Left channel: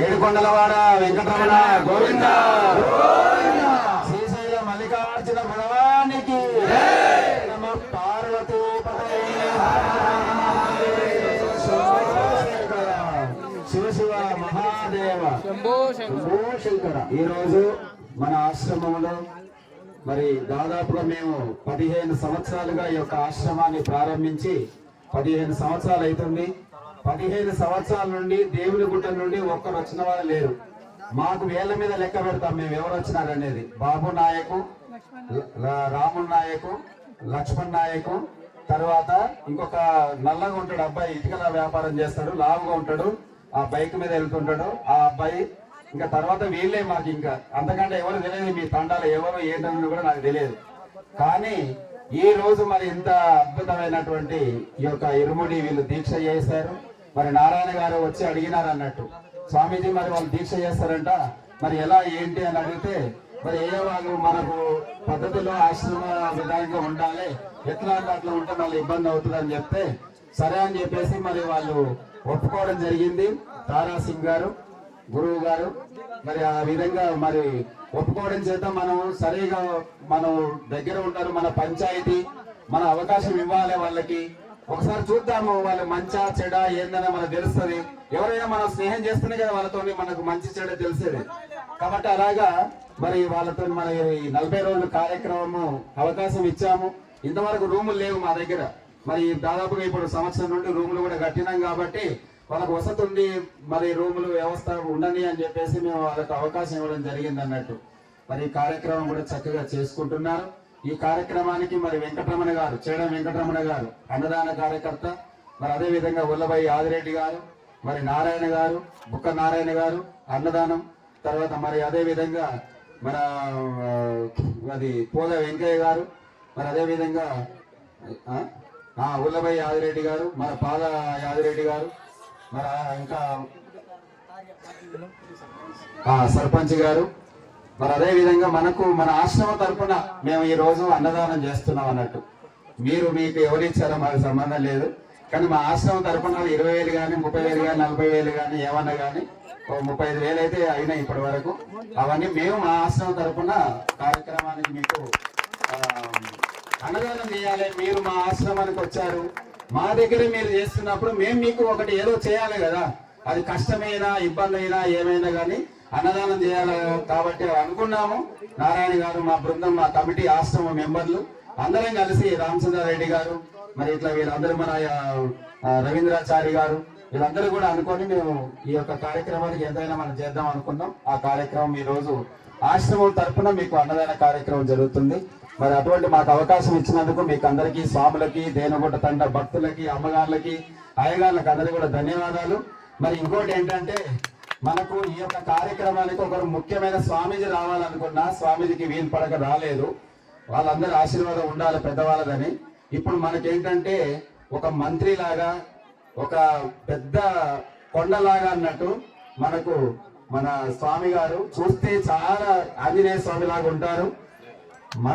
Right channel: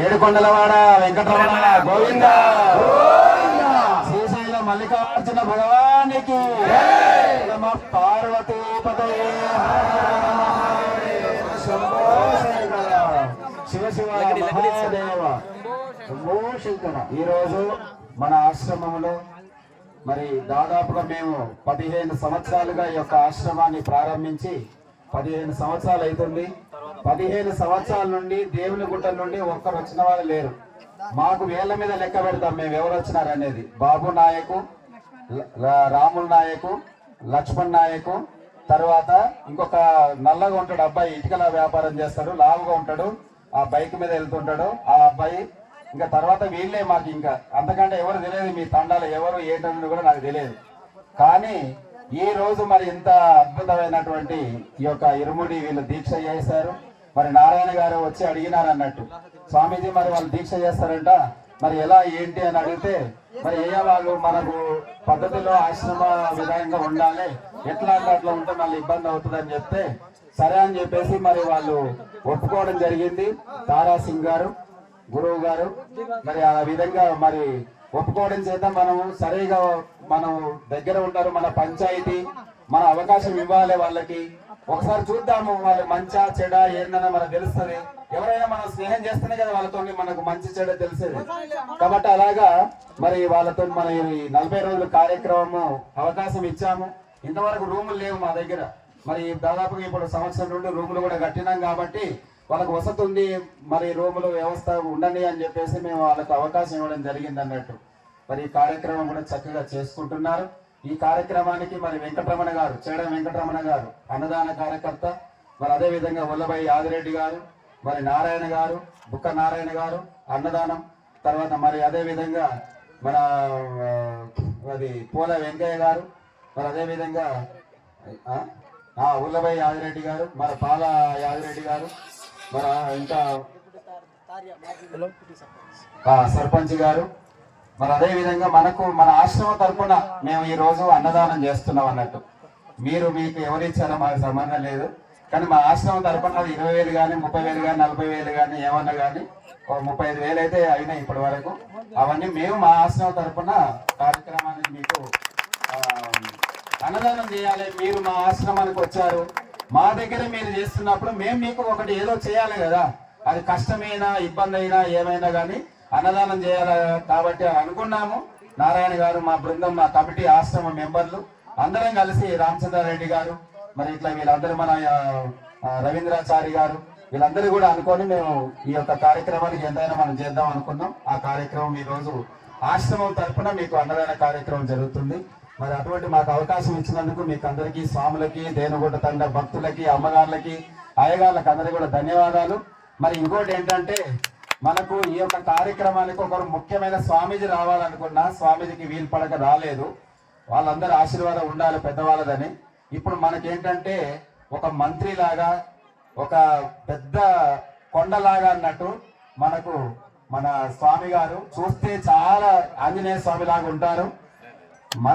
ఏడుకొండలవాడ వెంకటరమణ గోవింద, శ్రీశైల మల్లికార్జున భగవానికి, పార్వతీ పదయే, శివ శివ మహాదేవ శంభో శంకర. ఈరోజు మన ఆశ్రమంలో మరి దాదాపుగా మేము 15 సంవత్సరాలుగా ఈ యొక్క ఆశ్రమాన్ని ప్రారంభించి 15 సంవత్సరాలు అవుతుంది. 15 సంవత్సరాల నుండి దేవుని గుట్ట నుండి ఒక్కరు వచ్చిన వాళ్ళు లేరు. మాకు వేళ్ల మీద లెక్క పెడతాం మేము ఎవరు వచ్చినారనేది. బాబు నాయకు, రాముల నాయకు, లక్ష్మణ్ నాయకు, తర్వాత ఇంకొక నల్లగా ఉంటాడు అబ్బాయి, ఇటుకల వ్యాపారం చేస్తాడు, లాంగ్గా ఉంటాడు, ఆ బైక్ మీద వెళ్తుంటాడు ఆ అబ్బాయి. ఇంకా తర్వాత వీళ్ళే మాకు, ఇంకా అంతకంటే ఎవరు తెలియదు. మీ తండాలు ఎవరు ఏంటనేది కూడా నాకు తెలియదు. కానీ ఈ రోజు మరి ఇంత అద్భుతమైనటువంటి ఈ యొక్క ఇరుముడి వీళ్ళు దీక్ష చేశారు. మరి నారాయణ గారు వచ్చి అడిగినారు అన్నట్టు, స్వామీజీ మరి వాళ్ళు దీక్ష చేస్తారంట, మరి ఎలా ఏంటి అని అడిగితే, మరి అయ్యా వాళ్ళు మనకు పద్ధతిలో ఆశ్రమ విధానంగా ఉండాలి, ఎట్లా అట్లా ఉంటే మళ్ళీ ఇబ్బంది అవుతుంది అని చెప్తే సరే అని చెప్పేసి మరి వాళ్ళు ఒప్పుకోవడం జరిగింది. తారా సింగ్ గారు గురువు గారు మరి ఆ విధంగా మరి ఒప్పుకోవడం చేత మనం సరిగా మనం దగ్గర ఉంటారు. మన పంచాయతీ మన అవకాశం ఇవ్వాలి వాళ్ళకి. ఒకసారి చూద్దాము వాళ్ళు మంచా చెడ ఏందని మనకు తెలుస్తుంది. ఎవరైనా మనం స్నేహం చేస్తేనే కదా వాళ్ళతో మనకు మంచి చెడ తెలిసేది. కాబట్టి అలాగా మరి వాళ్ళతో మన 40 రోజుల కార్యక్రమము అవకాశం ఇచ్చాము. ఇంతవరకు రూములు లేవు మా దగ్గర. మరి దాదాపుగా ఇప్పుడు సంవత్సరం నుండి రూములు కూడా కట్టినాం కాబట్టి వాళ్ళకు వసతి ఉంది, మరి రూములు వ్యవస్థ ఉండని అని చెప్పేసి మేము వాళ్ళకు అవకాశం ఇవ్వడం జరిగింది అన్నట్టు. మరి ఈ కార్యక్రమం కూడా చక్కగా చేసుకుంటున్నారు. ఈ కార్యక్రమానికి మరి వెంకటరమణ గారు, చేడం వెంకటరమణ గారు అన్నదాన కార్యకర్త, మరి అదే విధంగా ఉల్లబై ఆదిరెడ్డి గారు, మరి నారాయణ గారు, బుక్క నారాయణ గారు అన్నదానం, తర్వాత మరి అదే విధంగా మన అది పూల వెంకయ్య గారు, మరి అదే విధంగా ఉల్లబై ఆదిరెడ్డి గారు, మన పాల యాదిరెడ్డి గారు, మరి ఇంకా సర్పంచ్ గారు, మరి అదే విధంగా మనకు మన ఆశ్రమం తరఫున మేము ఈ రోజు అన్నదానం చేస్తున్నాం అన్నట్టు. మీకు ఎవరు ఇచ్చారో మాకు సంబంధం లేదు. కానీ మా ఆశ్రమం తరఫున 20,000 కానీ 30,000 కానీ 40,000 కానీ ఏమన్నా కానీ 35,000 అయితే అయినాయి ఇప్పటి వరకు. అవన్నీ మేము మా ఆశ్రమం తరఫున కార్యక్రమానికి మీకు అన్నదానం చేయాలి. మీరు మా ఆశ్రమానికి వచ్చారు, మా దగ్గర మీరు చేస్తున్నప్పుడు మేము మీకు ఒకటి ఏదో చేయాలి కదా. అది కష్టమైనా ఇబ్బంది అయినా ఏమైనా కానీ అన్నదానం చేయాలి. కాబట్టి అనుకున్నాము. నారాయణ గారు, మా బృందం, మా కమిటీ, ఆశ్రమ మెంబర్లు అందరం కలిసి, రామచంద్రారెడ్డి గారు, మరి ఇట్లా వీళ్ళందరూ, మన రవీంద్రాచారి గారు, వీళ్ళందరూ కూడా అనుకొని మేము ఈ యొక్క కార్యక్రమానికి ఎంతైనా మనం చేద్దాం అనుకున్నాం. ఆ కార్యక్రమం ఈ రోజు ఆశ్రమం తరఫున మీకు అన్నదాన కార్యక్రమం జరుగుతుంది. మరి అటువంటి మాకు అవకాశం ఇచ్చినందుకు మీకు అందరికీ, స్వాములకి, దేనుగుట్ట తండ భక్తులకి, అమ్మగారులకి, అయ్యగారులకి అందరికీ కూడా ధన్యవాదాలు. మరి ఇంకోటి ఏంటంటే, మనకు ఈ యొక్క కార్యక్రమానికి ఒకరు ముఖ్యమైన స్వామీజీ రావాలనుకున్నా స్వామీజీకి వీలు పడక రాలేదు. వాళ్ళందరూ ఆశీర్వాదం ఉండాలి పెద్దవాళ్ళదని. ఇప్పుడు మనకేంటంటే ఒక మంత్రి లాగా, ఒక పెద్ద కొండలాగా అన్నట్టు మనకు మన స్వామి గారు చూస్తే చాలా ఆంజనేయ స్వామి లాగా ఉంటారు. మన